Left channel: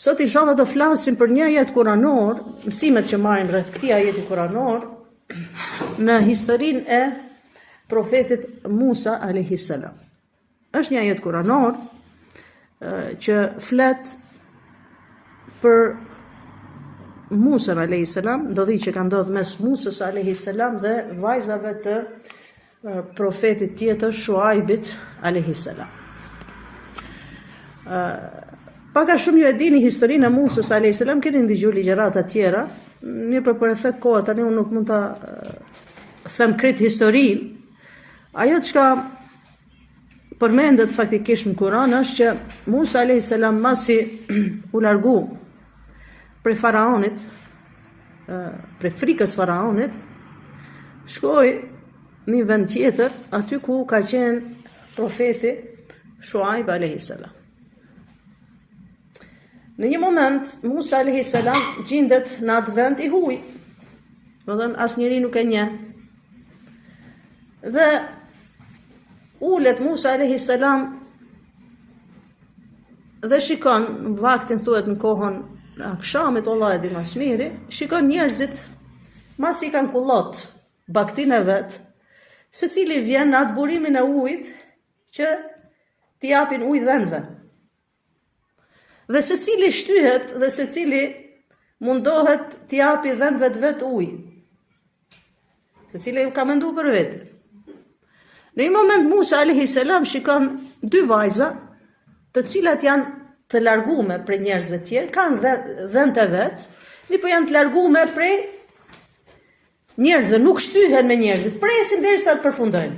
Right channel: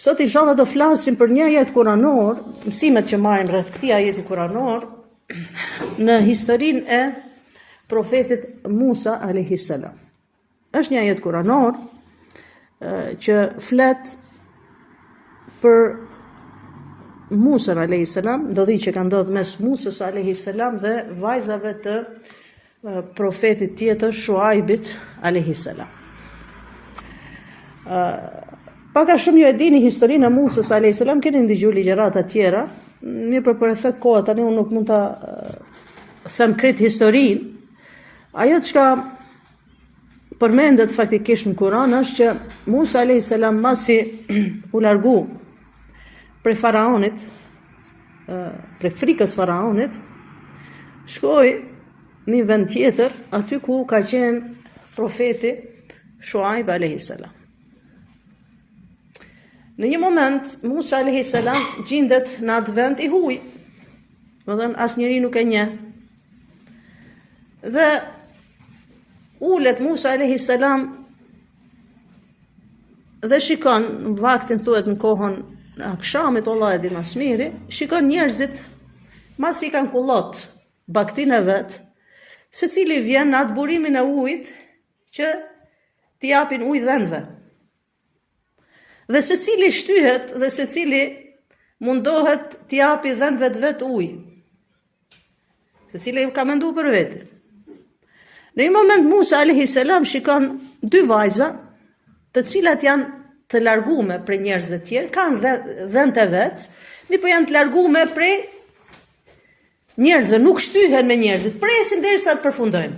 Sot inshallah do flasim për një ajet kuranor, mësimet që marrim rreth këtij ajeti kuranor në historinë e profetit Musa alayhis salam. Është një ajet kuranor që flet për Musa alayhis salam, ndodhi që ka ndodhur mes Musës alayhis salam dhe vajzave të profetit tjetër Shuaibit alayhis salam. Paka shumë ju e dini historinë e Musës alayhis salam, keni ndëgjuar ligjërata tjera, mirë për efekt kohë tani unë nuk mund ta them krejt historinë. Ajo çka përmendet faktikisht në Kur'an është që Musa alayhis salam masi u largu prej faraonit, prej frikës faraonit, shkoi në një vend tjetër, aty ku ka qenë profeti Shuaib alayhis salam. Në një moment, Musa alayhis salam gjendet në atë vend i huaj. Domethënë asnjëri nuk e njeh. Dhe ulet Musa alayhis salam dhe shikon, në vaktin thuhet në kohën e akşamit, Allah e di më së miri, shikon njerëzit masi kanë kullot baktin e vet, secili vjen në atë burimin e ujit që t'i japin ujë dhënve. Dhe secili shtyhet dhe secili mundohet t'i japi dhënve të vet ujë. Secili ka menduar për vete. Në një moment Musa alayhis salam shikon dy vajza, të cilat janë të largume prej njerëzve të tjerë, kanë dhënë të vet, mirë janë të largume prej njerëzve, nuk shtyhen me njerëzit, presin derisa të përfundojnë.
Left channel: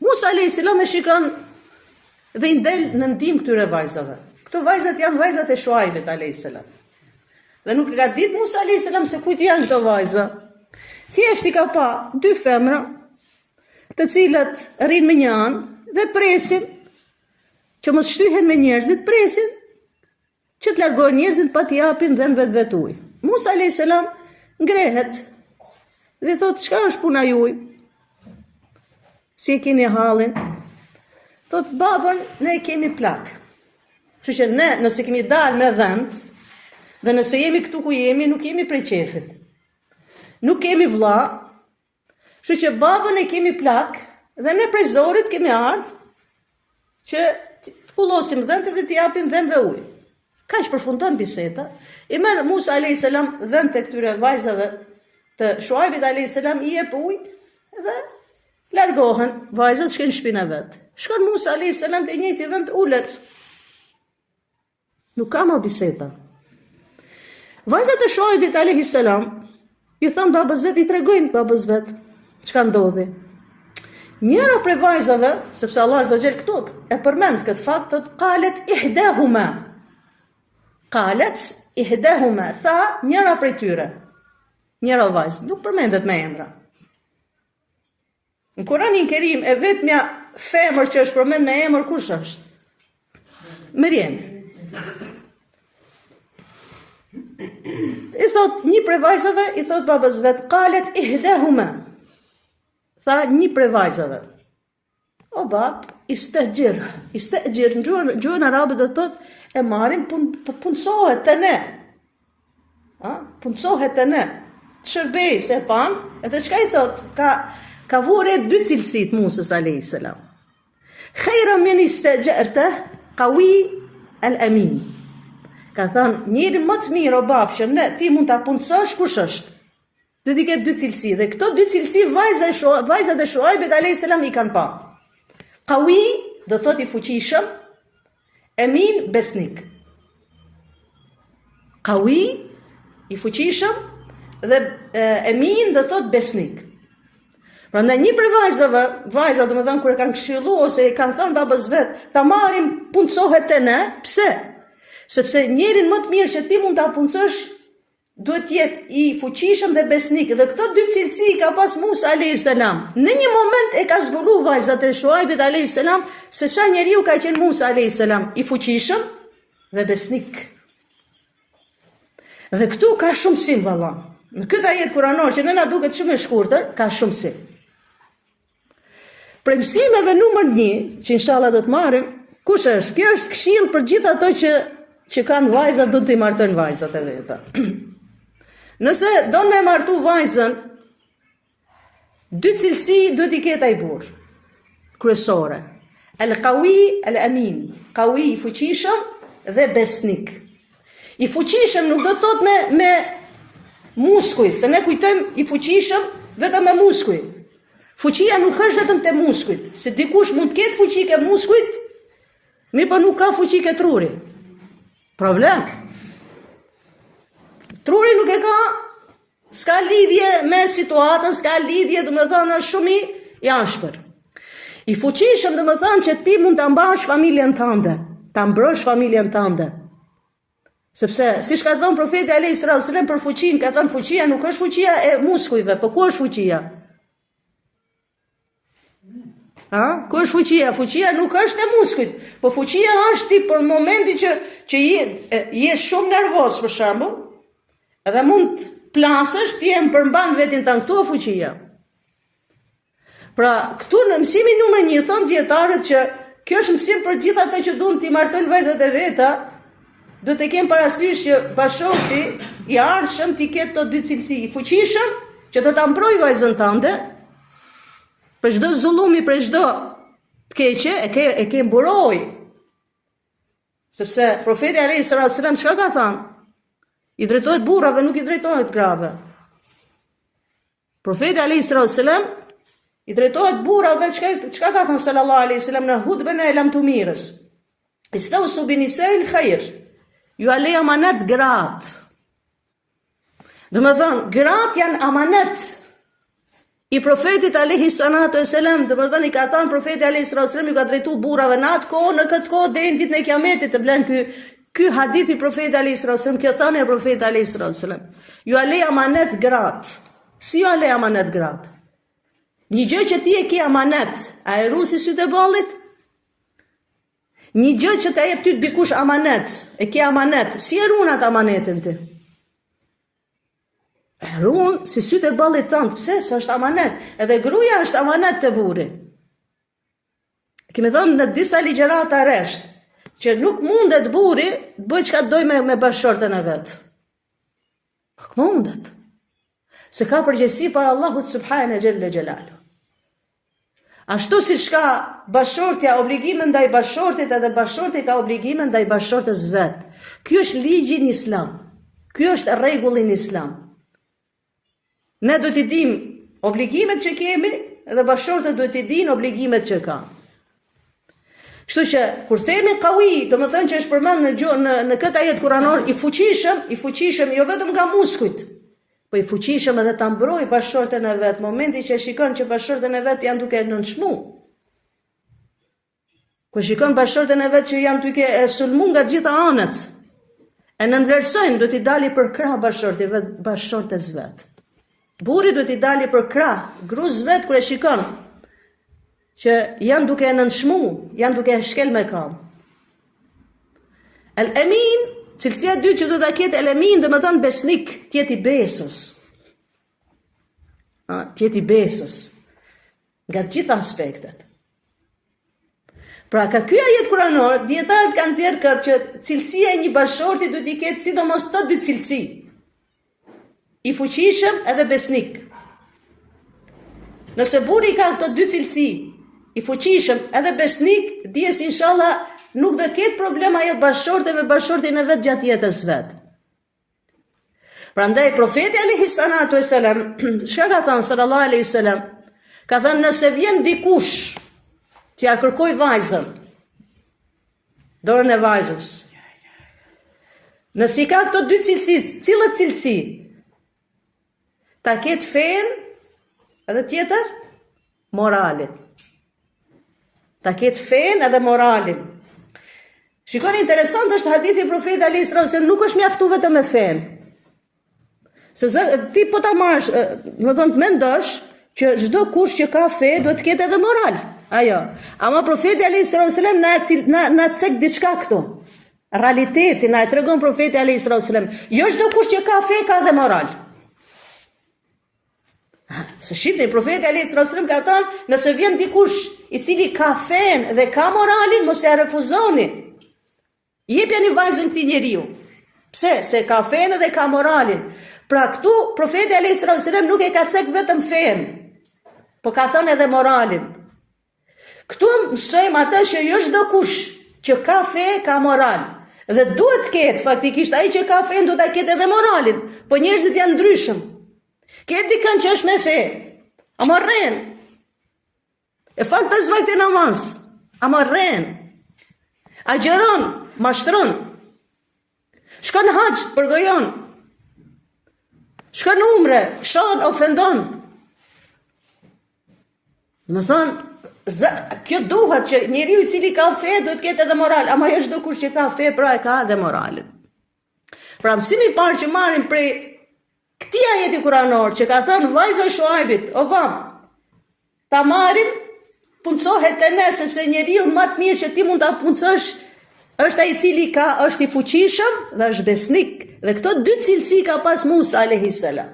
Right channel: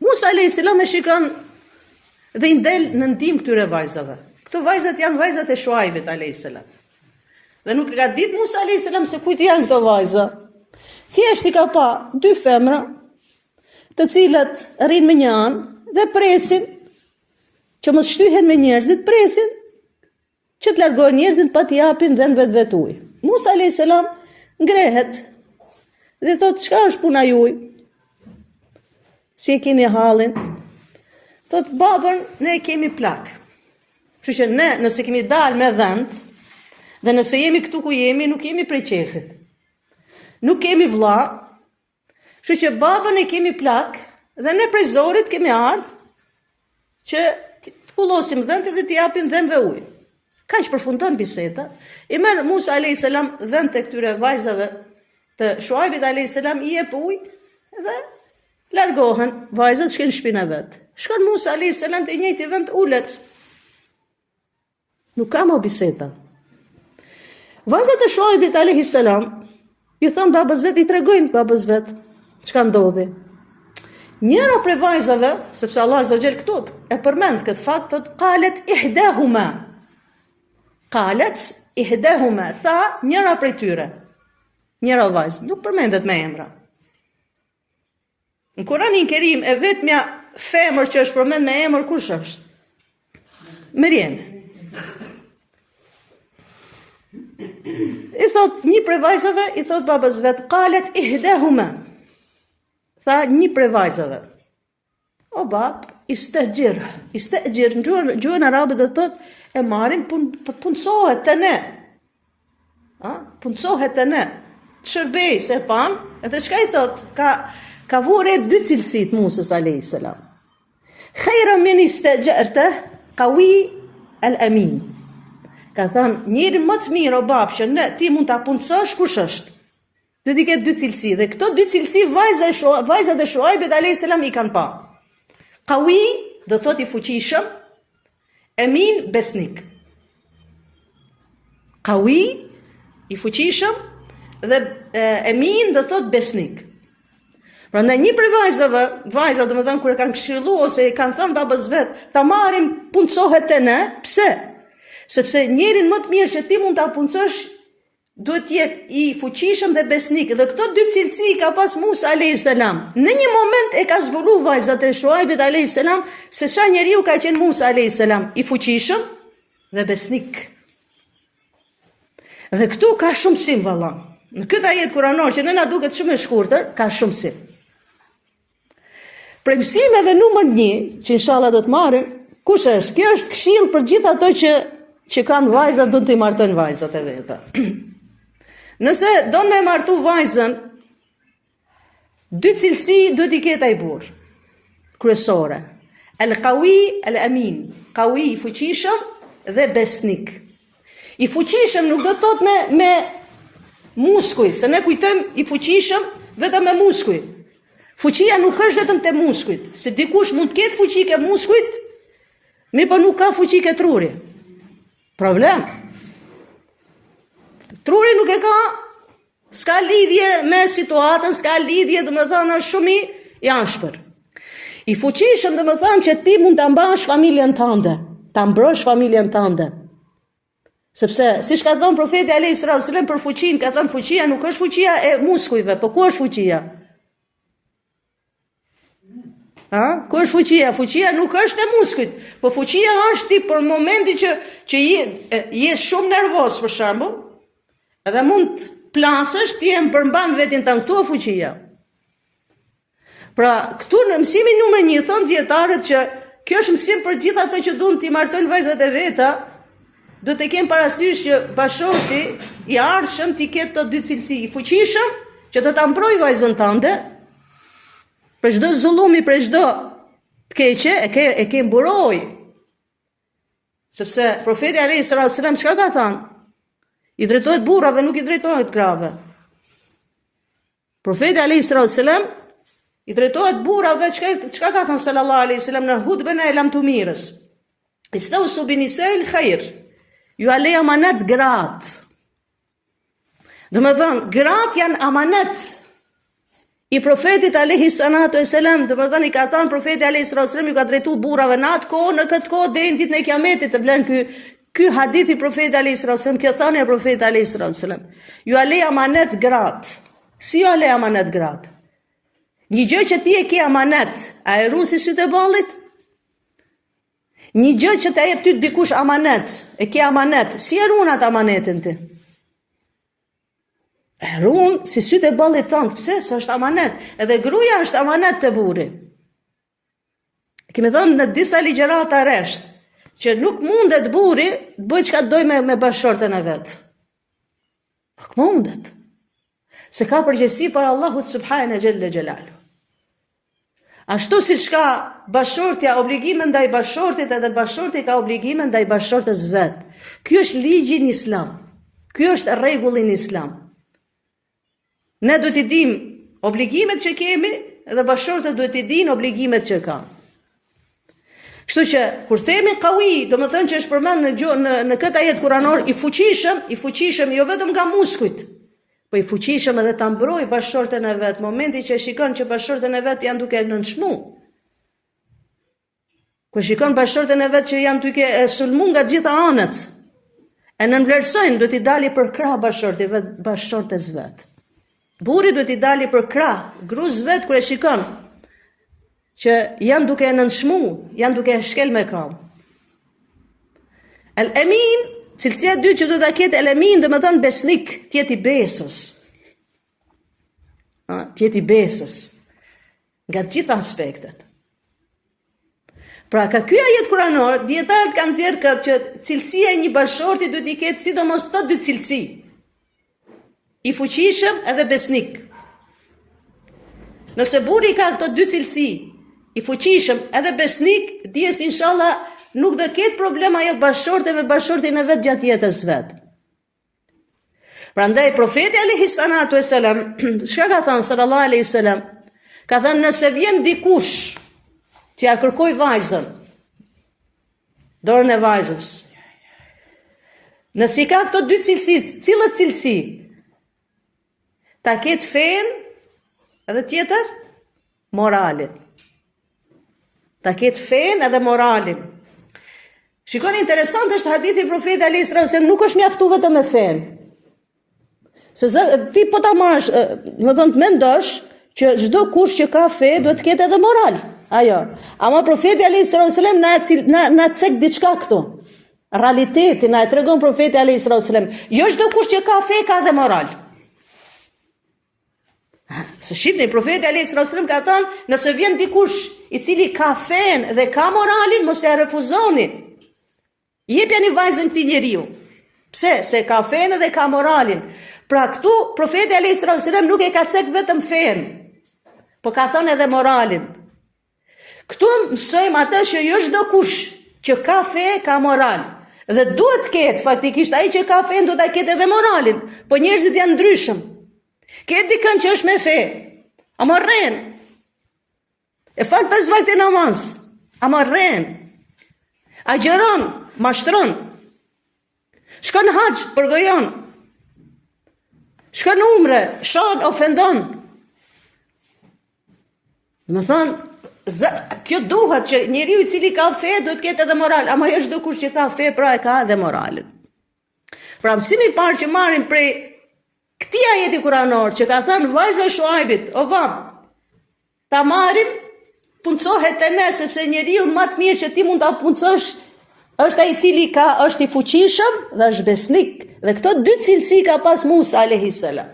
Musa alayhis salam e shikon dhe i ndel në ndihmë këtyre vajzave. Këto vajzat janë vajzat e Shuaibit alayhis salam. Dhe nuk e ka ditë Musa alayhis salam se kujt janë këto vajza. Thjesht i ka pa dy femra, të cilat rrinë me një anë dhe presin që mos shtyhen me njerëzit, presin që të largojnë njerëzit pa t'i japin dhënve të vet ujë. Musa alayhis salam ngrehet dhe thotë, çka është puna juaj? Si e keni hallin? Thot, babën, ne kemi plak. Kështu që ne, nëse kemi dalë me dhënt, dhe nëse jemi këtu ku jemi, nuk jemi prej qefit. Nuk kemi vlla, kështu që babën e kemi plak, dhe ne prej zorit kemi ardhur që të kullosim dhëntë dhe t'i japim dhënve ujë. Kaq përfundon biseda. I merr Musa alayhis salam dhëntë të këtyre vajzave të Shuaibit alayhis salam, i jep ujë dhe largohen vajzat, shkojnë në shtëpinë e vet. Shkon Musa alayhis salam te njëjti vend ulet. Nuk ka më biseda. Vajzat e Shuaibit alayhis salam i thon babës vet, i tregojnë babës vet çka ndodhi. Njëra prej vajzave, sepse Allah azza xhel këtu e përmend këtë fakt, qalet ihdahuma. Qalet ihdahuma, tha njëra prej tyre. Njëra vajzë, nuk përmendet me emra. Në Kur'anin Kerim e vetmja femër që është përmend me emër kush është? Meriem. I thot një prej vajzave, i thot babës vet, qalet ihdahuma. Tha një prej vajzave. O bab, istajir në gjuhën arabe do thot e marrin të punësohet te ne. Punësohet te ne. Shërbej se pan, edhe çka i thot? Ka vore dy cilësit Musës alayhis salam. Khayra min istajarta qawi al-amin. Ka thënë, njëri më të mirë o bab që ti mund ta punësosh kush është? Do t'i ketë dy cilësi dhe këto dy cilësi vajzat e Shuaibit alayhis salam i kanë pa. Qawi do thotë i fuqishëm, amin besnik. Qawi i fuqishëm dhe amin do thotë besnik. Prandaj një prej vajzat domethënë kur e kanë këshilluar ose e kanë thënë babës vet, ta marrim punësohet te ne, pse? Sepse njërin më të mirë që ti mund ta punësosh duhet të jetë i fuqishëm dhe besnik. Dhe këto dy cilësi ka pas Musa alayhis salam. Në një moment e ka zbuluar vajzat e Shuaibit alayhis salam se sa njeriu ka qenë Musa alayhis salam, i fuqishëm dhe besnik. Dhe këtu ka shumë sim valla. Në këtë ajet kuranor që nëna duket shumë e shkurtër, ka shumë sim. Prej mësimeve numër 1, që inshallah do të marrim, kush është? Kjo është këshill për gjithë ato që që kanë vajzat do t'i martojnë vajzat e veta. Nëse do me martu vajzën, dy cilësi do t'i ketë ai burr kryesore. El-qawi, el-amin. Qawi i fuqishëm dhe besnik. I fuqishëm nuk do të thotë me muskuj, se ne kujtojmë i fuqishëm vetëm me muskuj. Fuqia nuk është vetëm te muskujt, se dikush mund të ketë fuqi ke muskujt, mirë po nuk ka fuqi ke truri. Problem. Truri nuk e ka, s'ka lidhje me situatën, s'ka lidhje, domethënë është shumë i ashpër. I fuqishëm domethënë që ti mund ta mbash familjen tënde, ta mbrosh familjen tënde. Sepse, siç ka thënë profeti alayhis salam për fuqinë, ka thënë fuqia nuk është fuqia e muskujve, po ku është fuqia? Ku është fuqia? Fuqia nuk është e muskujt, po fuqia është ti për momenti që je shumë nervoz për shembull, edhe mund të plasësh, ti e përmban vetin tën, këtu fuqia. Pra, këtu në mësimin numër 1 thon dietarët që kjo është mësim për gjithë ato që duan të martojnë vajzat e veta, do të kenë parasysh që bashorti i ardhshëm t'i ketë të dy cilësi, i fuqishëm që do ta mbrojë vajzën tënde për çdo zullumi, për çdo të keqe, e ke mburoj. Sepse profeti alayhis salam çka ka thënë? I drejtohet burrave, nuk i drejtohet grave. Profeti alayhis salam i drejtohet burrave, çka ka thënë sallallahu alaihi wasallam në hutbën e lamtumirës? Istausu binisa'il khair. Ju a le amanet gratë. Domethënë, gratë janë amanet i profetit alayhi salatu wasalam, domethënë i ka thënë profeti alayhi salatu wasalam, ju ka drejtu burrave në atë kohë, në këtë kohë deri në ditën e Kiametit të vlen ky hadith i profetit alayhi salatu wasalam, kjo thënë e profetit alayhi salatu wasalam. Ju a le amanet gratë. Si ju a le amanet gratë? Një gjë që ti e ke amanet, a e rusi sytë e ballit? Një gjë që të jep ty dikush amanet, e ke amanet, si e ruan atë amanetin ti? E ruan si sytë e ballit tënd, pse? Se është amanet. Edhe gruaja është amanet te burri. Kemi thënë në disa ligjërata rresht, që nuk mundet burri të bëjë çka doj me bashortën e vet. Nuk mundet. Se ka përgjegjësi për Allahut subhanahu xhalla xhelalu. Ashtu si ka bashortja obligime ndaj bashortit, edhe bashorti ka obligime ndaj bashortës vet. Ky është ligji në Islam. Ky është rregulli në Islam. Ne duhet të dim obligimet që kemi, edhe bashortët duhet të dinë obligimet që kanë. Kështu që kur themi qawi, do të thonë që është përmend në këtë ajet kuranor i fuqishëm jo vetëm nga muskujt, po i fuqishëm edhe ta mbrojë bashortën e vet, momenti që shikon që bashortën e vet janë duke nënçmu. Kur shikon bashortën e vet që janë duke e sulmu nga gjitha anët, e nënvlerësojnë, do t'i dali për krah bashortës vet. Burri do t'i dali për krah gruas vet kur e shikon që janë duke e nënçmu, janë duke e shkel me kam. El-amin, cilësia e dytë që do ta ketë el-amin, do të thonë besnik, tjeti besës. Tjeti besës nga të gjitha aspektet. Pra ka ky ajet kuranor, dietarët kanë nxjerrë këtë që cilësia e një bashorti duhet i ketë sidomos të dy cilësi. I fuqishëm edhe besnik. Nëse burri ka këto dy cilësi, i fuqishëm edhe besnik, dijes inshallah nuk do ketë problem ajo bashorte me bashortin e vet gjatë jetës vet. Prandaj profeti alayhi salatu wasalam, çka ka thënë sallallahu alaihi wasallam, ka thënë nëse vjen dikush që ja kërkoj vajzën, dorën e vajzës, nëse ka këto dy cilësi, cilët cilësi? Ta ketë fen edhe tjetër moralin. Ta ketë fen edhe moralin. Shikoni, interesant është hadithi i profetit alayhis salam, nuk është mjaftu vetëm me fen. Se ti po ta marrësh, do të mendosh që çdo kush që ka fe duhet të ketë edhe moral. Ajo. Ama profeti alayhis salam na cek diçka këtu. Realitetin na e tregon profeti alayhis salam. Jo çdo kush që ka fe ka dhe moral. Se shifni, profeti alayhis salam ka thënë, nëse vjen dikush i cili ka fen dhe ka moralin, mos ja refuzoni. Jepja një vajzën këtij njeriu. Pse? Se ka fenë dhe ka moralin. Pra këtu profeti alayhis salam nuk e ka cek vetëm fenë, po ka thënë edhe moralin. Këtu mësojmë atë që jo çdo kush që ka fe ka moral. Dhe duhet të ketë faktikisht ai që ka fe duhet ta ketë edhe moralin, po njerëzit janë ndryshëm. Ke dikën që është me fe, a morren. E fal 5 vakte namaz, a morren. A gjeron, mashtron. Shkon hax, përgojon. Shkon umre, shon, ofendon. Më thonë, kjo duhet që njeriu I cili ka fe duhet ketë edhe moral, ama jo çdo kush që ka fe pra e ka edhe moralin. Pra mësimi I parë që marrim prej këtij ajeti kuranor që ka thënë vajza e Shuaibit, o vam, ta marrim, puncohet e ne, sepse njeriu më të mirë që ti mund ta puncosh është ai I cili është I fuqishëm dhe është besnik, dhe këto dy cilësi ka pas Musa alayhis salam.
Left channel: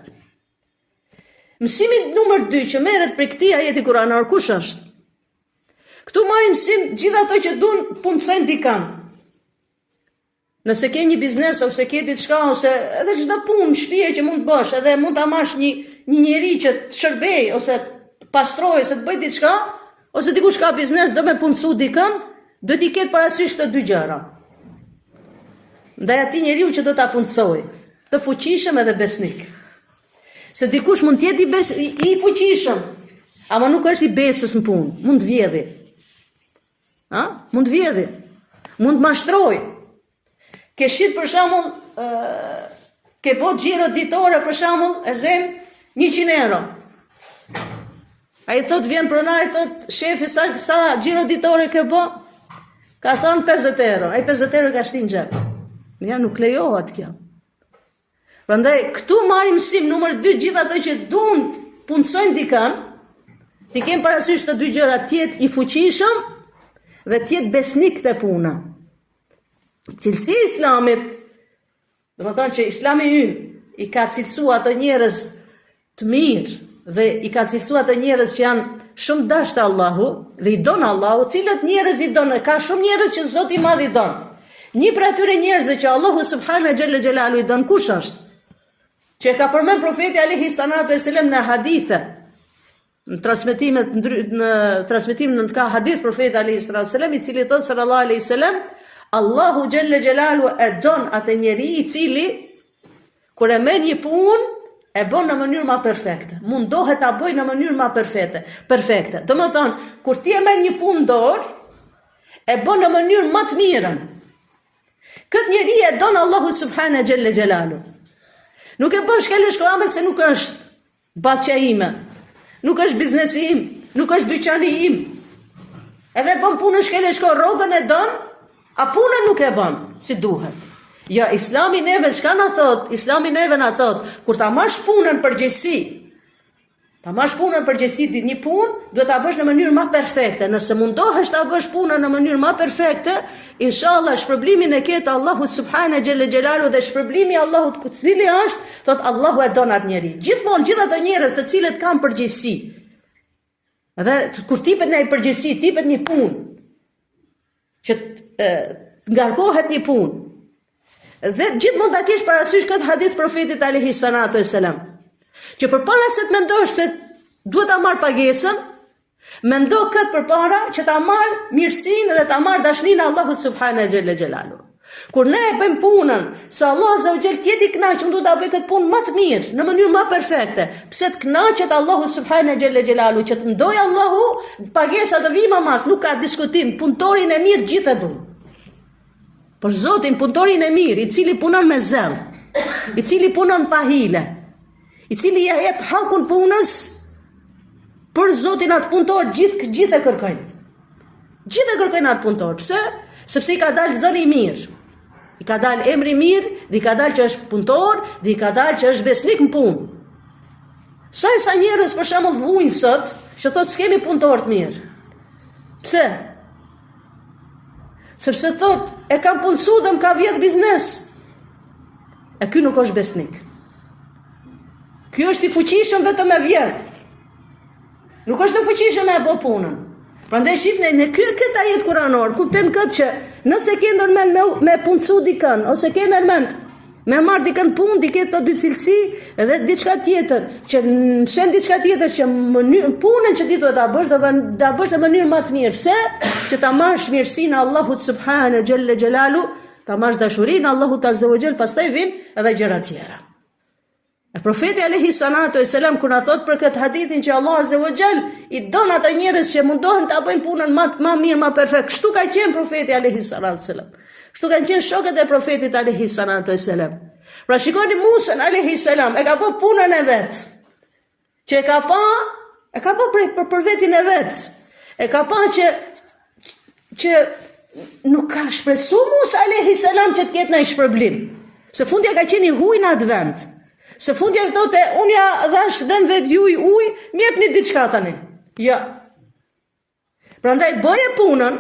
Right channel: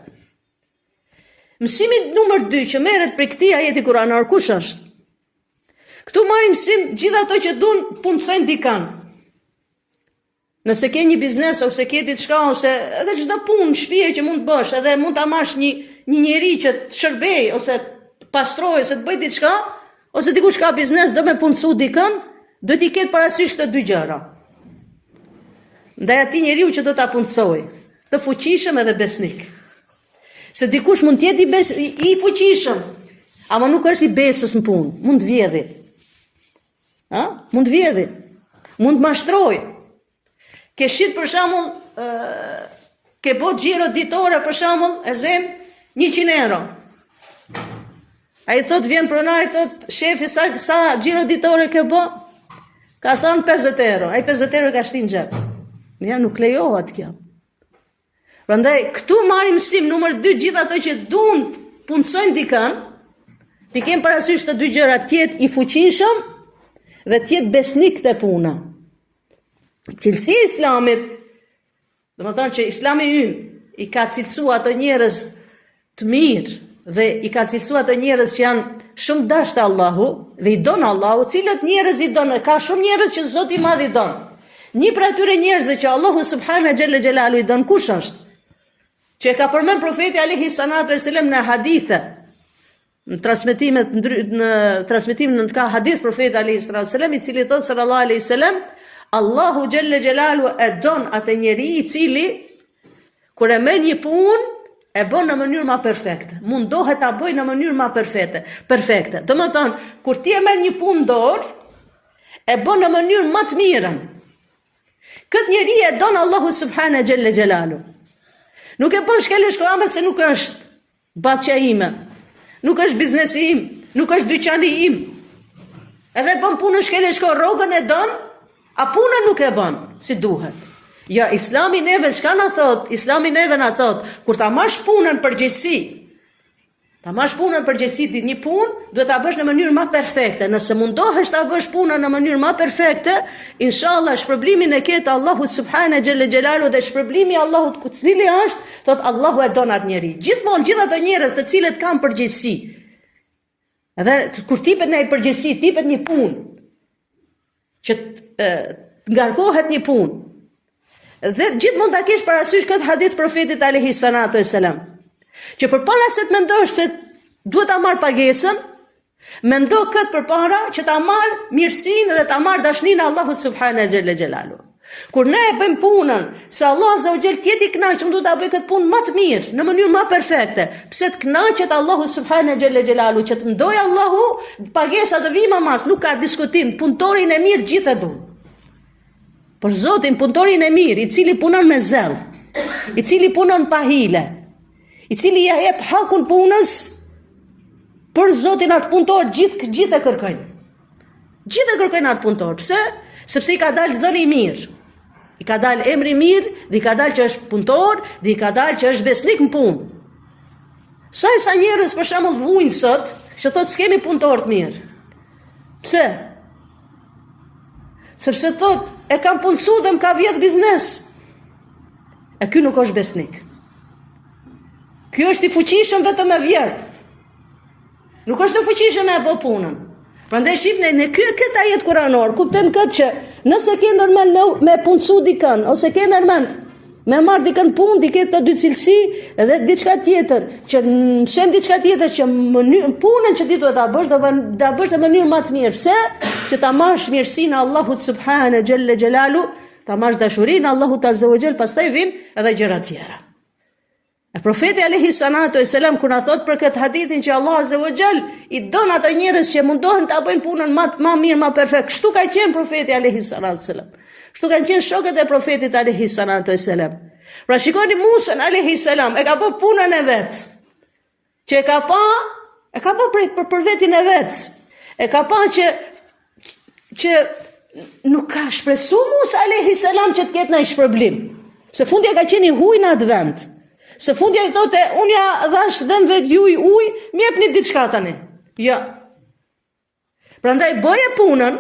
Mësimi numër 2 që merret prej këtij ajeti kuranor kush është? Këtu marrim mësim gjithë ato që duan puncojnë dikan. Nëse ke një biznes ose ke diçka ose edhe çdo punë në shtëpi që mund të bësh, edhe mund ta marrësh një njerëz që të shërbej ose të pastrojë ose të bëj diçka, ose dikush ka biznes do me puncu dikan, duhet I ketë parasysh këto dy gjëra. Ndaj atij njeriu që do ta puncojë, të fuqishëm edhe besnik. Se dikush mund të jetë I fuqishëm, ama nuk është I besës në punë, mund të vjedhi. Mund të vjedhi, mund të mashtrojë. Ke shit për shembull, ke bo xhiro ditore për shembull, e zem 100 euro. Ai thot vjen pronari thot shefi sa xhiro ditore ke bo? Ka thon 50 euro. Ai 50 euro ka shtin në xhep. Ja nuk lejohet kjo. Prandaj këtu marrim mësim numër 2 gjithë ato që duan puncojnë dikën, ti kem parasysh të dy gjëra, të jetë I fuqishëm dhe të jetë besnik te puna. Cilësi I Islamit, domethënë që Islami ynë I ka cilësuar ato njerëz të mirë dhe I ka cilësuar ato njerëz që janë shumë dashur Allahu dhe I don Allahu, cilët njerëz I don, ka shumë njerëz që Zoti I Madh I don. Një prej atyre njerëzve që Allahu subhanahu xhalla xhelalu I don kush është? Që ka përmend profeti alayhi salatu wasalam në hadithe, në transmetimin në ka hadith profeti alayhi salatu wasalam I cili thot sallallahu alaihi wasallam Allahu xhalla xhelalu e don atë njeri I cili kur e merr një punë e bën në mënyrë më perfekte. Mundohet ta bëjë në mënyrë më perfekte. Domethënë, kur ti e merr një punë në dorë, e bën në mënyrë më të mirën. Këtë njeri e don Allahu subhanahu xhalla xhelalu. Nuk e bën shkeleshkoame se nuk është batja ime, nuk është biznesi im, nuk është dyqani im. Edhe bën punën shkeleshko, rrogën e don, a punën nuk e bën si duhet. Ja, Islami neve çka na thot? Islami neve na thot, kur ta marrësh punën përgjegjësi, një punë, duhet ta bësh në mënyrë më perfekte. Nëse mundohesh ta bësh punën në mënyrë më perfekte, inshallah shpërblimin e ketë Allahu subhanahu xhalla xhelalu dhe shpërblimi I Allahut ku cili është, thot Allahu e don atë njerëz. Gjithmonë gjithë ato njerëz të cilët kanë përgjegjësi. Edhe kur tipet në përgjegjësi, tipet një punë që ngarkohet një punë. Dhe gjithmonë ta kesh parasysh këtë hadith profetit alayhi salatu wasalam. Që përpara se të mendosh se duhet ta marr pagesën, mendo këtë përpara që ta marr mirësinë dhe ta marr dashninë e Allahut subhanahu xhalla xhelalu. Kur ne e bëjmë punën, se Allah azza wa jall tjetë I kënaqur, do ta bëj këtë punë më të mirë, në mënyrë më perfekte. Pse të kënaqet Allahu subhanahu xhalla xhelalu, që të ndoj Allahu, pagesa do vijë mas, nuk ka diskutim, punëtorin e mirë gjithë e duan. Por Zotin punëtorin e mirë, I cili punon me zell, I cili punon pa hile, I cili ja jep hakun punës, për Zotin atë punëtor gjithë e kërkojnë. Gjithë e kërkojnë atë punëtor. Pse? Sepse I ka dalë zëri I mirë. I ka dalë emri I mirë, dhe I ka dalë që është punëtor, dhe I ka dalë që është besnik në punë. Sa njerëz për shembull vujnë sot, që thotë s'kemi punëtor të mirë. Pse? Sepse thotë e kam punësu dhe më ka vjedh biznes. E ky nuk është besnik. Ky është I fuqishëm vetëm me vjedh. Nuk është I fuqishëm me e bë punën. Prandaj shifni në këtë ajet kuranor, kuptojmë këtë që nëse ke ndërmend me punësu dikën, ose ke ndërmend me marr dikën punë, diket të dy cilësi edhe diçka tjetër, që shen diçka tjetër që punën që ti duhet ta bësh, ta bësh në mënyrë më të mirë. Pse? Që ta marrësh mirësinë e Allahut subhanahu xhalla xhelalu, ta marrësh dashurinë e Allahut azza wa xal, pastaj vijnë edhe gjëra tjera. E profeti alayhi salatu wasalam kur na thot për këtë hadithin që Allah azza wa xal i don ata njerëz që mundohen ta bëjnë punën më mirë, më perfekt. Kështu ka qenë profeti alayhi salatu wasalam. Kështu kanë qenë shokët e profetit alayhi salatu wasalam. Pra shikoni Musa alayhi salam, e ka bë punën e vet. Që e ka bë për vetin e vet. E ka pa që nuk ka shpresu Musa alayhi salam që të ketë ndonjë shpërblim. Se fundja ka qenë i huaj në atë vend. Se fundja i thote, unë ja dhash dhënë vetë juj ujë, m'jepni diçka tani. Ja. Prandaj bëje punën.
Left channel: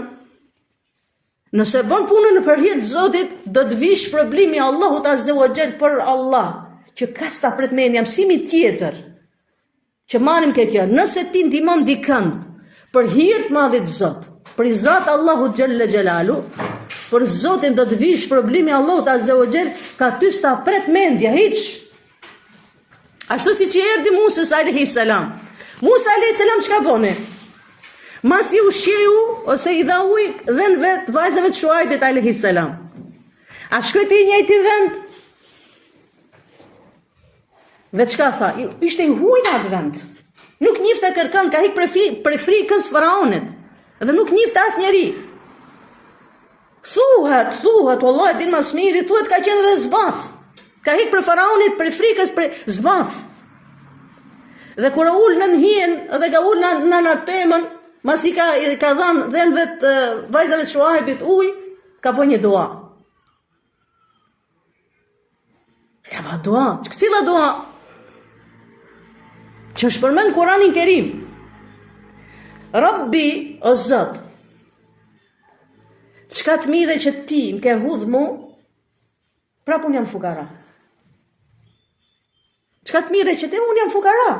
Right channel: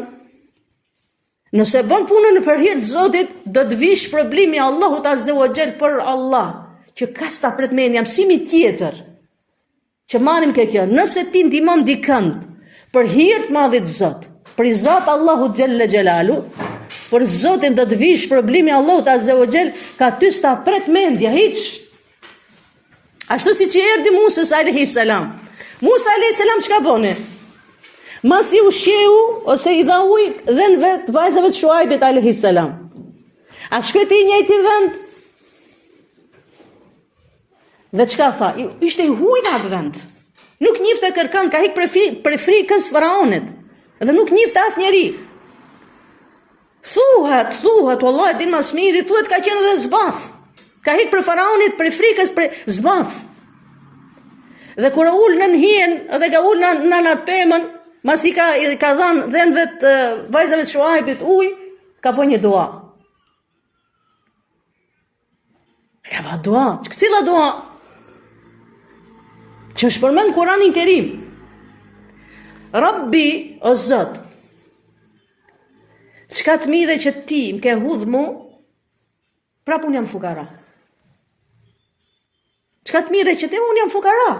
Nëse bën punën për hir të Zotit, do të vish shpërblimi i Allahut azza wa xal për Allah, që ka sta pret mendja mësimi tjetër. Që marrim kjo, nëse ti ndihmon dikën për hir të madhit Zot, për i Zot Allahut xhalla xhelalu, për Zotin do të vish shpërblimi i Allahut azza wa xal, ka ty sta pret mendja hiç. Ashtu si që erdi Musa alayhi salam. Musa alayhi salam çka bone? Masi u sheu ose i dha ujë dhen vet vajzave të Shuaibit alayhi salam. A shkoi te njëjti vend? Dhe çka tha? Ishte i huaj në atë vend. Nuk njifte kërkën, ka hik për frikës faraonit. Dhe nuk njifte asnjëri. Thuhet, wallahi din mas miri, thuhet ka qenë edhe zbath. Ka hik për faraonit, për frikës, për zbath. Dhe kur ul në hijen, dhe ka ul në atë pemën, masi ka dhënë dhenve të vajzave të Shuaibit ujë, ka po një dua. Ka ba dua, cila dua? Që është përmend Kur'anin Kerim. Rabbi, o Zot, çka të mire që ti më ke hudh mu, prapë unë jam fukara. Çka të mire që ti unë jam fukara.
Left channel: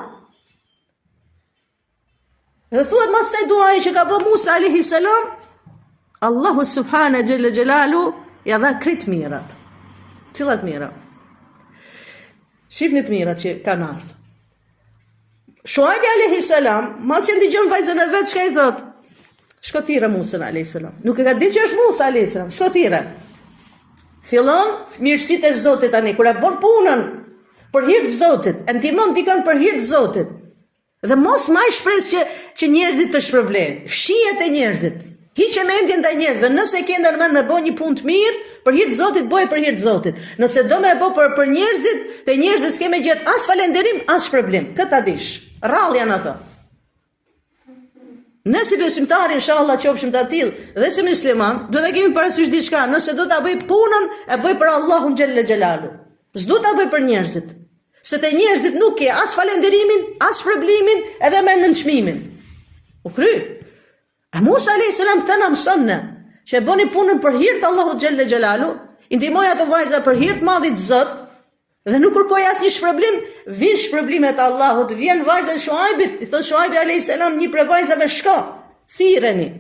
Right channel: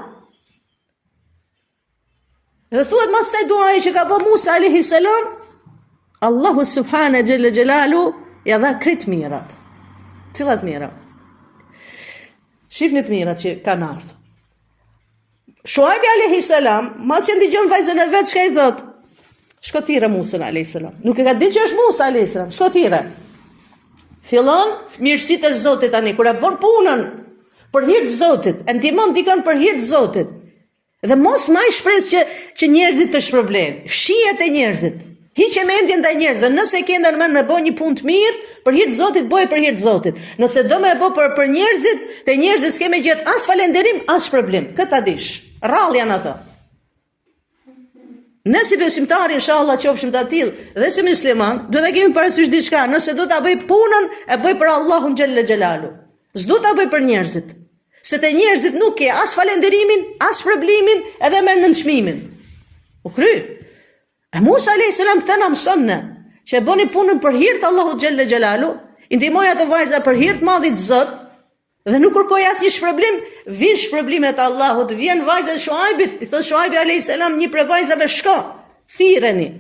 Dhe thuhet mas se duaj që ka bë Musa alayhi salam, Allahu subhanahu xhalla xhelalu ja dha krejt mirat. Cilat mira? Shifni të mirat që kanë ardhur. Shuaibi alayhi salam, mas që ndigjon vajzën e vet, çka i thot? Shko thirrë Musa alayhi salam. Nuk e ka ditë që është Musa alayhi salam. Shko thirrë. Fillon mirësitë e Zotit tani kur e bën punën për hir të Zotit, e ndihmon dikën për hir të Zotit. Dhe mos maj shpresë që njerëzit të shpërblejnë. Fshihet e njerëzit. Hiqe mendjen ndaj njerëzve. Nëse ke ndërmend me bë një punë të mirë, për hir të Zotit, bëje për hir të Zotit. Nëse do me bë për njerëzit, te njerëzit s'ke me gjet as falënderim, as shpërblim. Këtë dish. Rrallë janë ato. Ne si besimtar inshallah qofshim të atill dhe si musliman, do ta kemi parasysh diçka, nëse do ta bëj punën, e bëj për Allahun xhalla xhelalu. S'do ta bëj për njerëzit. Se te njerëzit nuk ke as falenderimin, as shpërblimin, edhe me nënçmimin. U kry. E Musa alayhis salam këtë na mëson ne, që e bëni punën për hir të Allahut xhalla xhelalu, i ndihmoi ato vajza për hir të madhit Zot, dhe nuk kërkoi asnjë shpërblim, vin shpërblimet e Allahut, vjen vajza e Shuaibit, i thot Shuaibi alayhis salam një prej vajzave, shko, thirreni.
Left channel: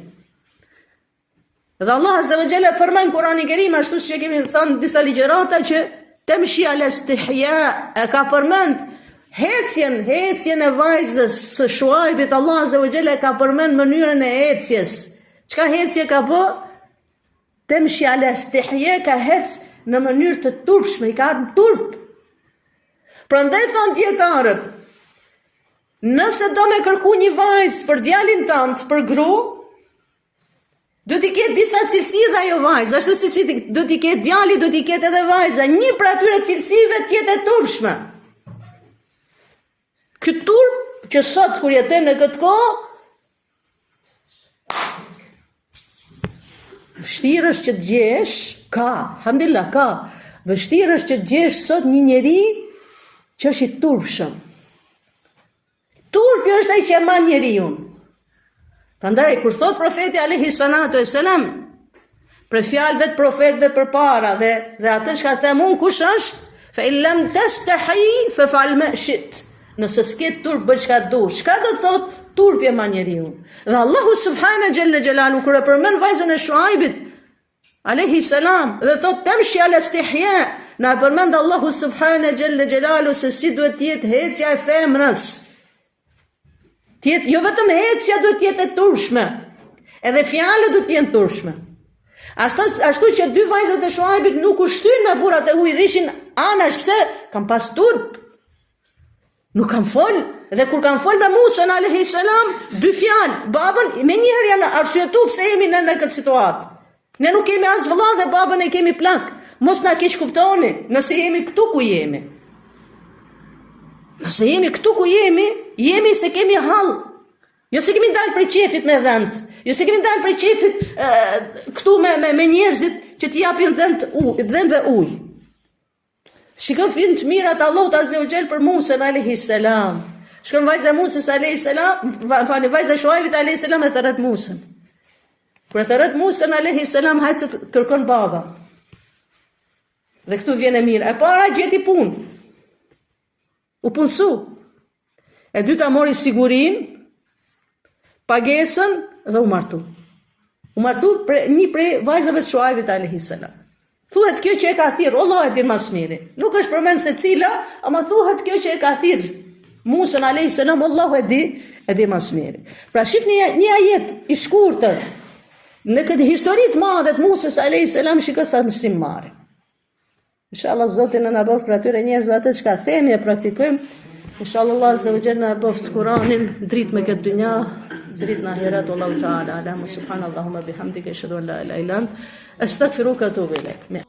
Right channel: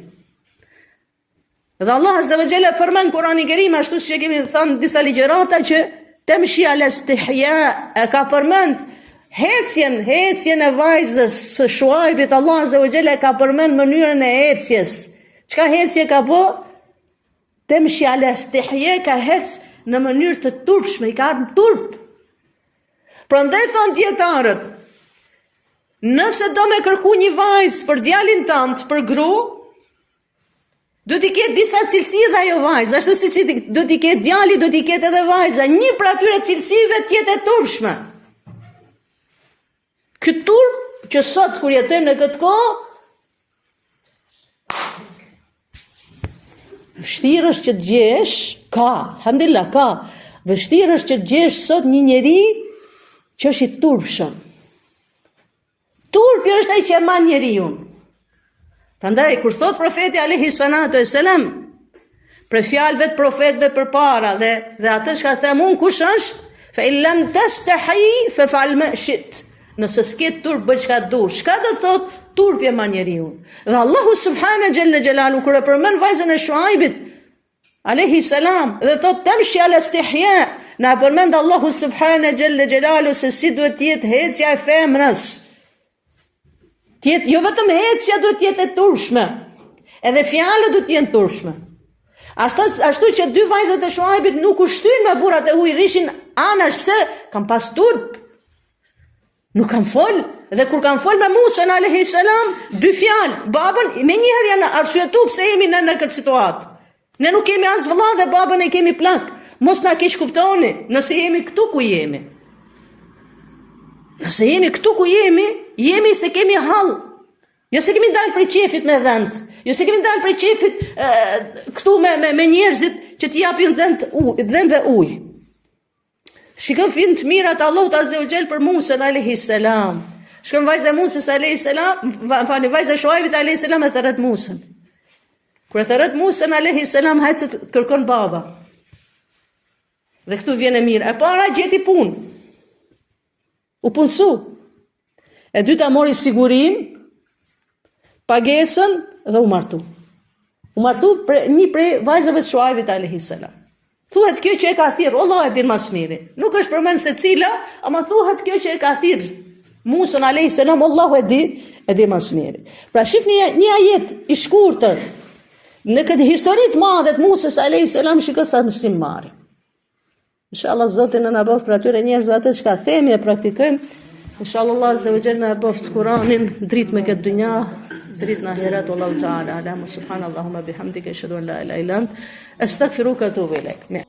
Dhe Allah azza wa jalla përmend Kur'anin Kerim ashtu siç kemi thënë disa ligjërata që temshi al-istihya e ka përmend hecjen e vajzës së Shuaibit. Allah azza wa jalla ka përmend mënyrën e ecjes. Çka hecje ka bë? Temshi al-istihya ka hec në mënyrë të turpshme, i ka ardhur turp. Prandaj thon dietarët, nëse do me kërku një vajzë për djalin tënd, për gru, do t'i ketë disa cilësi dhe ajo vajzë, ashtu si që do t'i ketë djali, do t'i ketë edhe vajza, një për atyre cilësive t'jetë e turpshme. Këtë turp që sot kur jetën në këtë kohë, vështirë është që të gjesh, alhamdulillah ka, vështirë është që të gjesh sot një njeri që është i turpshëm. Turpi është ai që e man njeriu. Prandaj kur thot profeti alayhi salatu wasalam, për fjalëve të profetëve përpara dhe atë që them unë kush është, fa in lam tastahi fa fa'al ma shi't. Nëse s'ke turp bëj çka dush. Çka do thot turpje ma njeriu. Dhe Allahu subhana gjelle gjelalu, kër e përmen vajzën e Shuaibit, alayhi salam, dhe thot tamshi ala istihya, na përmend Allahu subhana gjelle gjelalu se si duhet tjetë hecja e femrës. Jo vetëm hecja duhet tjetë e turshme, edhe fjalët duhet tjenë turshme. Ashtu që dy vajzat e Shuaibit nuk u shtyn me burrat e huaj, rishin anash, pse? Kam pas turp. Nuk kam fol, dhe kur kam fol me Musa alayhi salam, dy fjalë, babën me njëherë janë arsyetuar pse jemi në këtë situatë. Ne nuk kemi as vëlla dhe babën e kemi plak. Mos na keq kuptoni, nëse jemi këtu ku jemi. Nëse jemi këtu ku jemi se kemi hall. Jo se kemi dalë prej qefit me dhënt, jo se kemi dalë prej qefit këtu me njerëzit që t'i japin dhënve ujë. Shikoj film të mirat Allahut azza wa jall për Musa alayhi salam. Shkon vajza e Musës alayhi salam, vajza e Shuaibit alayhi salam e thërret Musën. Kur e thërret Musën alayhi salam, hajse kërkon baba. Dhe këtu vjen e mirë. E para gjeti punë. U punësu. E dyta mori sigurin, pagesën dhe u martu. U martu një prej vajzave të Shuaibit alayhi salam. Thuhet kjo që e ka thirr, Allah e din mas miri. Nuk është përmend se cila, ama thuhet kjo që e ka thirr Musën alayhi salam, Allahu e di mas miri. Pra shifni një ajet i shkurtër në këtë histori të madhe të Musës alayhi salam, shikoj sa mësim marrim. Inshallah Zoti na bëft për atyre njerëzve atë që themi e praktikojmë. Inshallah Allah azza wa jalla na bëft Kur'anin dritë me këtë dynja, dritë në ahiret. Wallahu ta'ala alam. Subhanallahumma bihamdika ashhadu an la ilaha illa anta astaghfiruka wa atubu ilaik.